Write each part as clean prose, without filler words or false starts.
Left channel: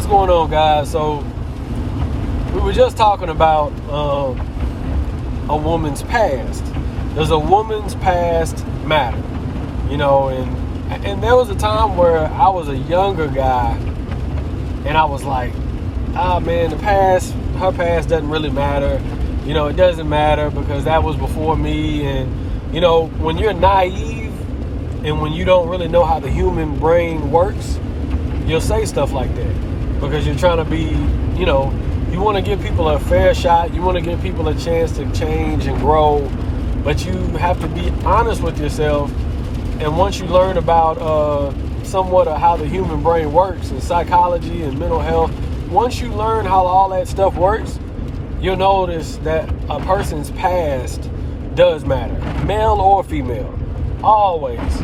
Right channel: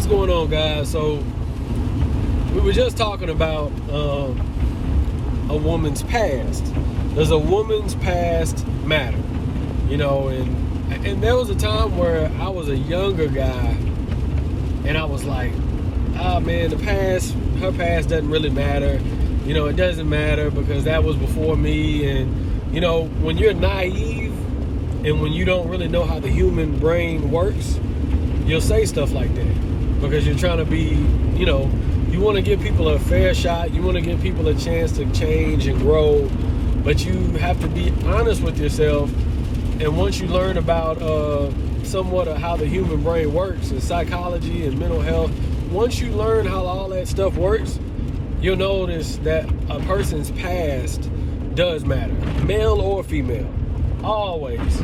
What's going on, guys? So we were just talking about a woman's past. Does a woman's past matter? You know, and there was a time where I was a younger guy, and I was like, man, her past doesn't really matter. You know, it doesn't matter because that was before me. And you know, when you're naive and when you don't really know how the human brain works, you'll say stuff like that because you're trying to be, you know, you want to give people a fair shot. You want to give people a chance to change and grow, but you have to be honest with yourself. And once you learn about somewhat of how the human brain works and psychology and mental health, once you learn how all that stuff works, you'll notice that a person's past does matter, male or female, always.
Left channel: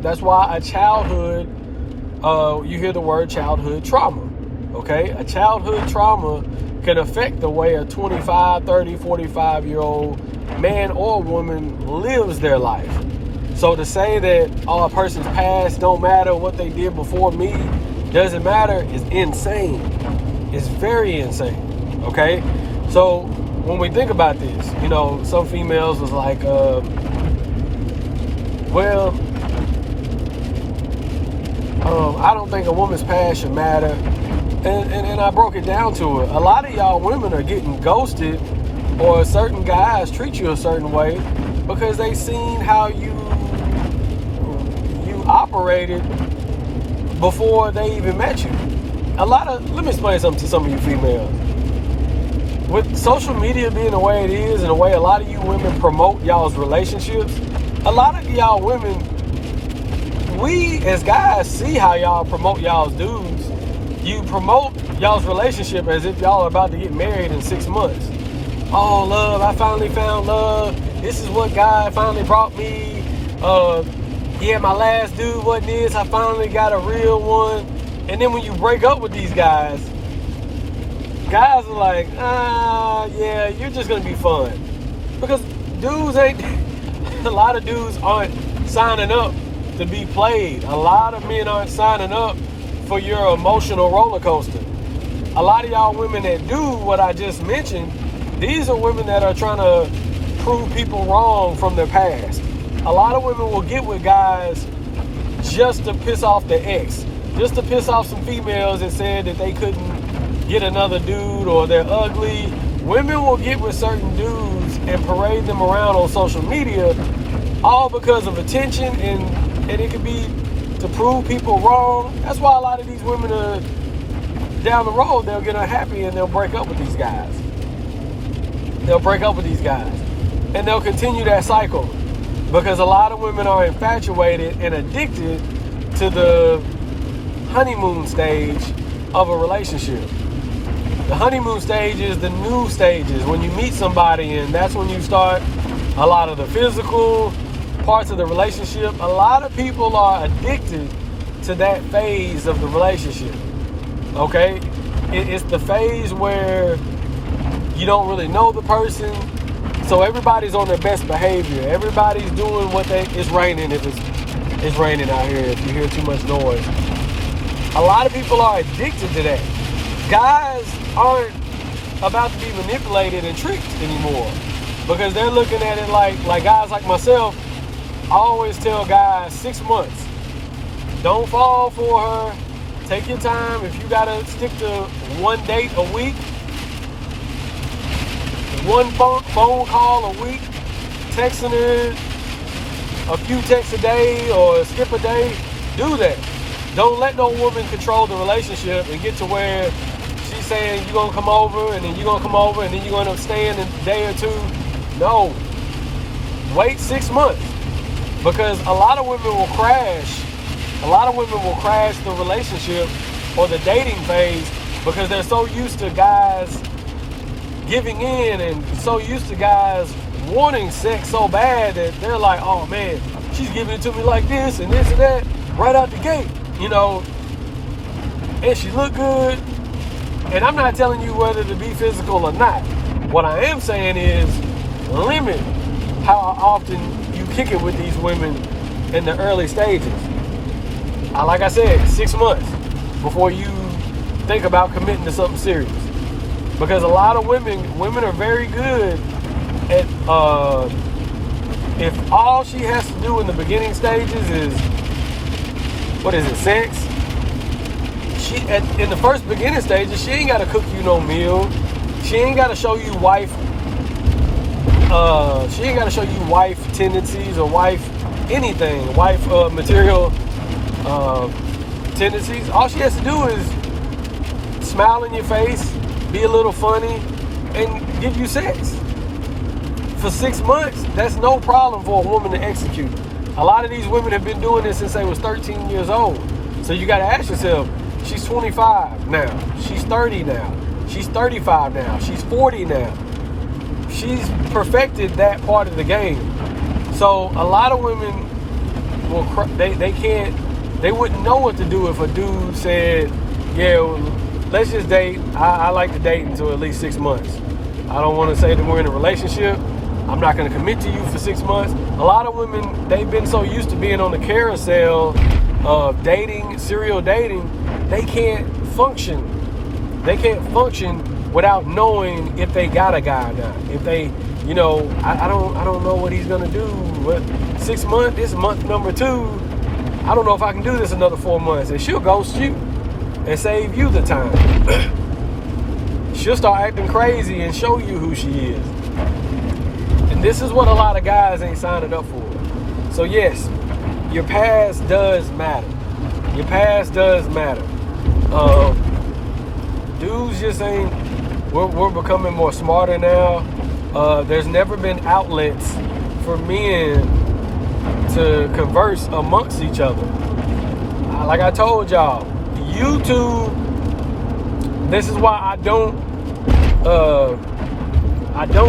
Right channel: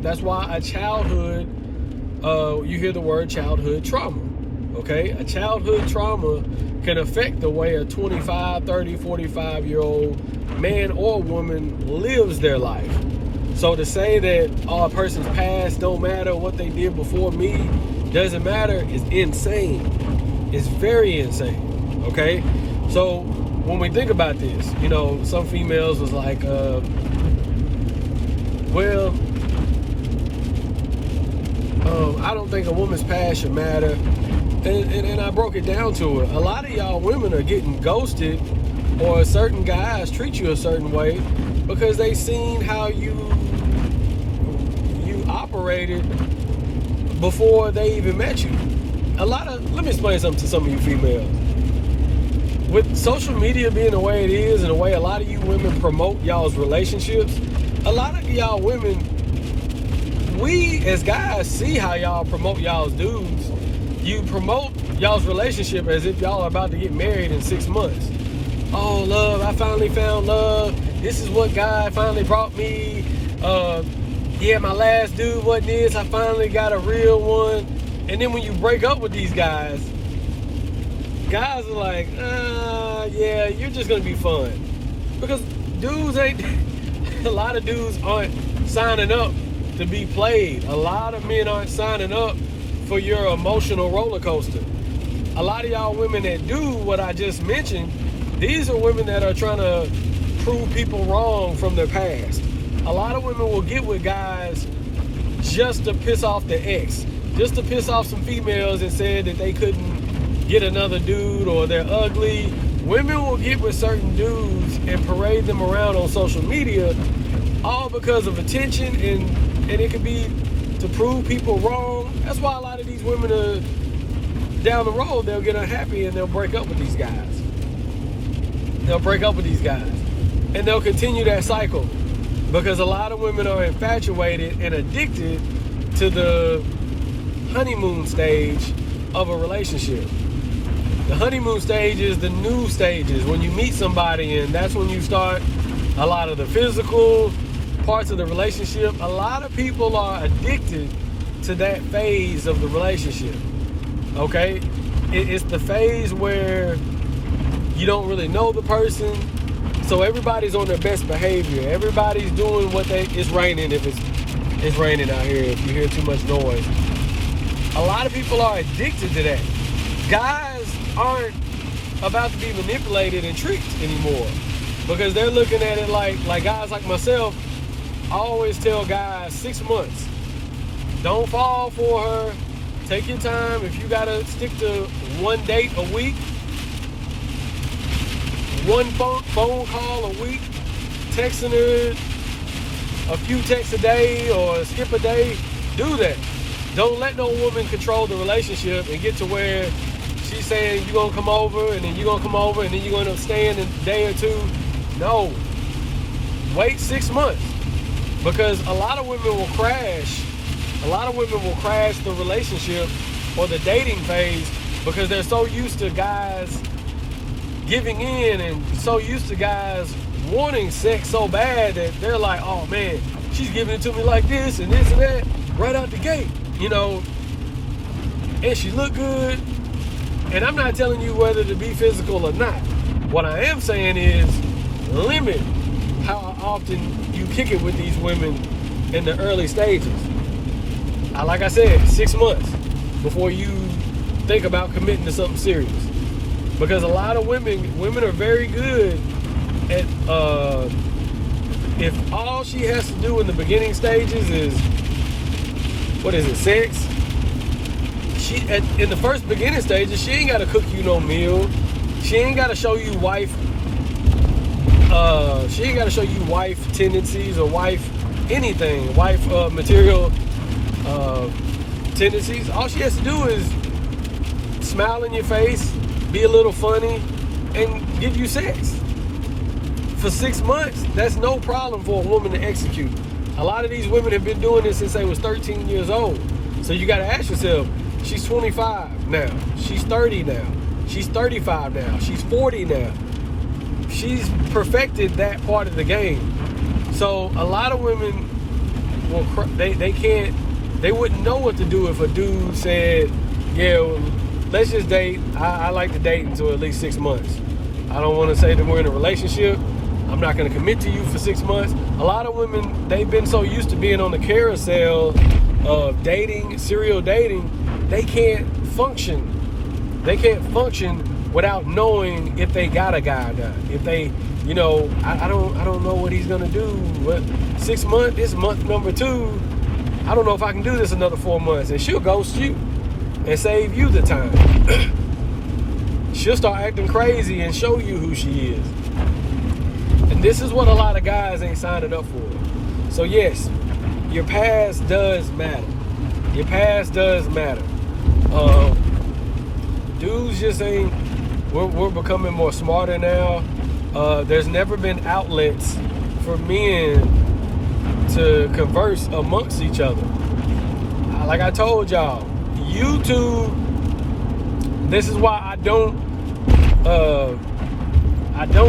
That's why a childhood, you hear the word childhood trauma, okay? A childhood trauma can affect the way a 25, 30, 45-year-old man or woman lives their life. So to say that a person's past don't matter, what they did before me doesn't matter is insane. It's very insane, okay? So when we think about this, you know, some females was like, I don't think a woman's past should matter. And I broke it down to her. A lot of y'all women are getting ghosted, or certain guys treat you a certain way because they seen how you operated before they even met you. Let me explain something to some of you females. With social media being the way it is and the way a lot of you women promote y'all's relationships, a lot of y'all women, we as guys see how y'all promote y'all's dudes. You promote y'all's relationship as if y'all are about to get married in 6 months. Oh, love, I finally found love. This is what God finally brought me. Yeah, my last dude wasn't this. I finally got a real one. And then when you break up with these guys are like, yeah, you're just going to be fun. Because a lot of dudes aren't signing up to be played. A lot of men aren't signing up for your emotional roller coaster. A lot of y'all women that do what I just mentioned, these are women that are trying to prove people wrong from their past. A lot of women will get with guys just to piss off the ex, just to piss off some females that said that they couldn't get another dude or they're ugly. Women will get with certain dudes and parade them around on social media, all because of attention, and it can be to prove people wrong. That's why a lot of these women are down the road, they'll get unhappy and they'll break up with these guys. And they'll continue that cycle. Because a lot of women are infatuated and addicted to the honeymoon stage of a relationship. The honeymoon stage is the new stages when you meet somebody, and that's when you start a lot of the physical parts of the relationship. A lot of people are addicted to that phase of the relationship. Okay? It's the phase where you don't really know the person. So everybody's on their best behavior. Everybody's doing it's raining if it's raining out here, if you hear too much noise. A lot of people are addicted to that. Guys aren't about to be manipulated and tricked anymore because they're looking at it like guys like myself. I always tell guys 6 months. Don't fall for her. Take your time. If you gotta stick to one date a week, one phone call a week, texting her a few texts a day or skip a day, do that. Don't let no woman control the relationship and get to where she's saying you're going to come over and then you're going to come over and then you're going to stay in a day or two. No. Wait 6 months. Because a lot of women will crash. A lot of women will crash the relationship or the dating phase because they're so used to guys giving in and so used to guys wanting sex so bad that they're like, oh man, she's giving it to me like this and that right out the gate, you know, and she look good. And I'm not telling you whether to be physical or not. What I am saying is limit how often you kick it with these women in the early stages. Like I said, 6 months before you think about committing to something serious. Because a lot of women are very good at, if all she has to do in the beginning stages is, sex? In the first beginning stages, she ain't got to cook you no meal. She ain't got to show you wife. She ain't got to show you wife tendencies or wife anything, wife material tendencies. All she has to do is smile in your face, be a little funny, and give you sex. For 6 months, that's no problem for a woman to execute. A lot of these women have been doing this since they was 13 years old. So you got to ask yourself, she's 25 now. She's 30 now. She's 35 now. She's 40 now. She's perfected that part of the game. So a lot of women they wouldn't know what to do if a dude said, yeah, well, let's just date. I like to date until at least 6 months. I don't want to say that we're in a relationship. I'm not going to commit to you for 6 months. A lot of women, they've been so used to being on the carousel of dating, serial dating, they can't function. They can't function without knowing if they got a guy or not. If they, I don't know what he's gonna do. 6 months, this is month number 2. I don't know if I can do this another 4 months. And she'll ghost you and save you the time. She'll start acting crazy and show you who she is. And this is what a lot of guys ain't signing up for. So yes, your past does matter. Your past does matter. Dudes just ain't. We're becoming more smarter now. There's never been outlets for men to converse amongst each other. Like I told y'all, YouTube. This is why I don't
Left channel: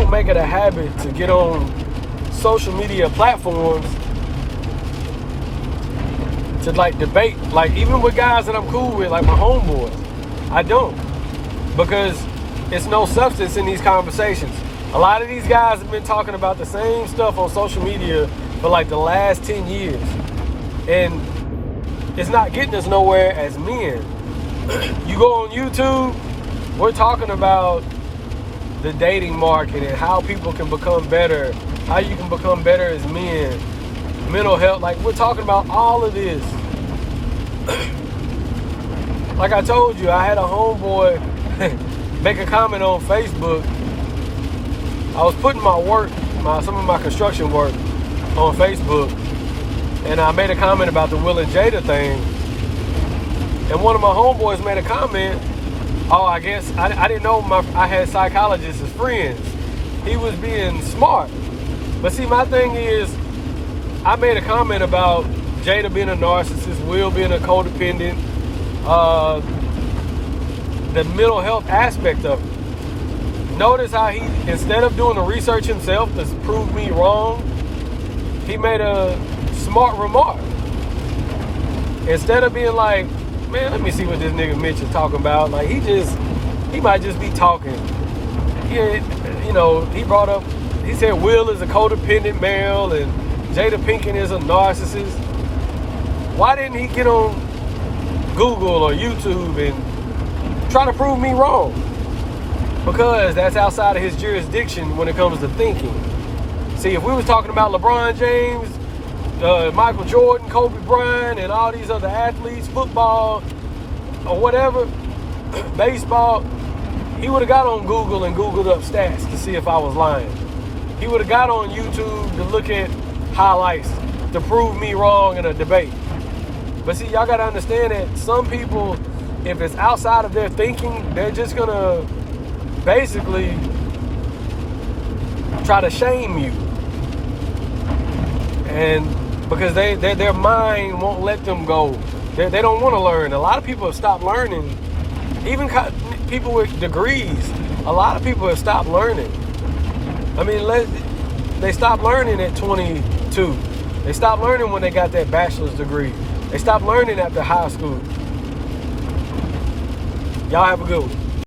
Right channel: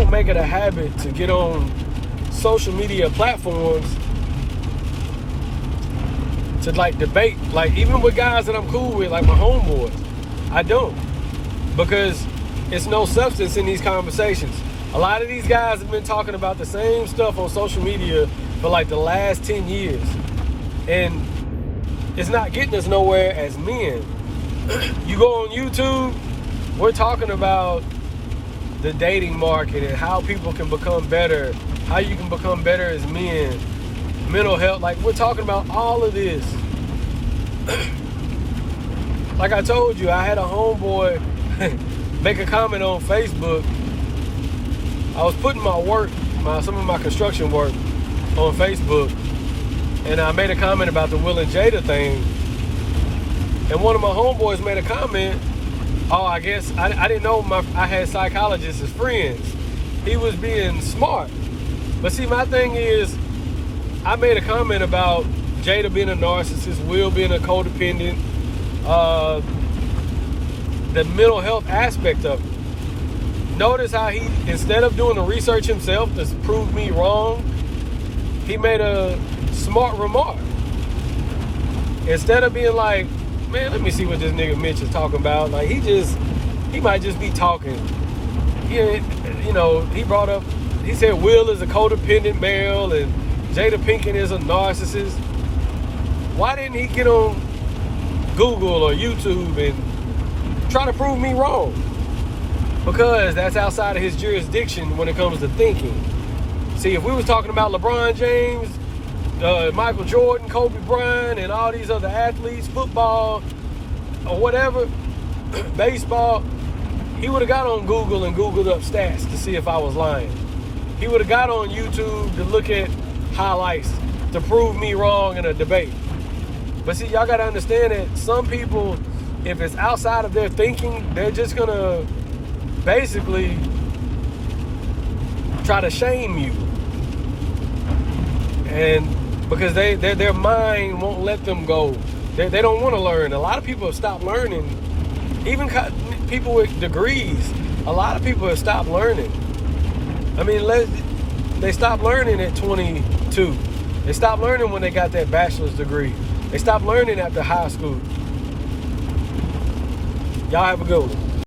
make it a habit to get on social media platforms to like debate, like even with guys that I'm cool with, like my homeboys. I don't, because it's no substance in these conversations. A lot of these guys have been talking about the same stuff on social media for like the last 10 years. And it's not getting us nowhere as men. You go on YouTube, we're talking about the dating market and how people can become better, how you can become better as men, mental health. Like, we're talking about all of this. Like I told you, I had a homeboy make a comment on Facebook. I was putting my work, some of my construction work on Facebook, and I made a comment about the Will and Jada thing. And one of my homeboys made a comment, I guess, I didn't know I had psychologists as friends. He was being smart. But see, my thing is, I made a comment about Jada being a narcissist, Will being a codependent, the mental health aspect of it. Notice how he, instead of doing the research himself to prove me wrong, he made a smart remark. Instead of being like, man, let me see what this nigga Mitch is talking about. Like, he might just be talking. He brought up, he said Will is a codependent male and Jada Pinkett is a narcissist. Why didn't he get on Google or YouTube and try to prove me wrong? Because that's outside of his jurisdiction when it comes to thinking. See, if we was talking about LeBron James, Michael Jordan, Kobe Bryant, and all these other athletes, football, or whatever, baseball, he would have got on Google and Googled up stats to see if I was lying. He would have got on YouTube to look at highlights to prove me wrong in a debate. But see, y'all got to understand that some people, if it's outside of their thinking, they're just going to basically try to shame you. And because their mind won't let them go. They don't want to learn. A lot of people have stopped learning. Even people with degrees, a lot of people have stopped learning. I mean, they stopped learning at 22. They stopped learning when they got their bachelor's degree. They stopped learning after high school. Y'all have a good one.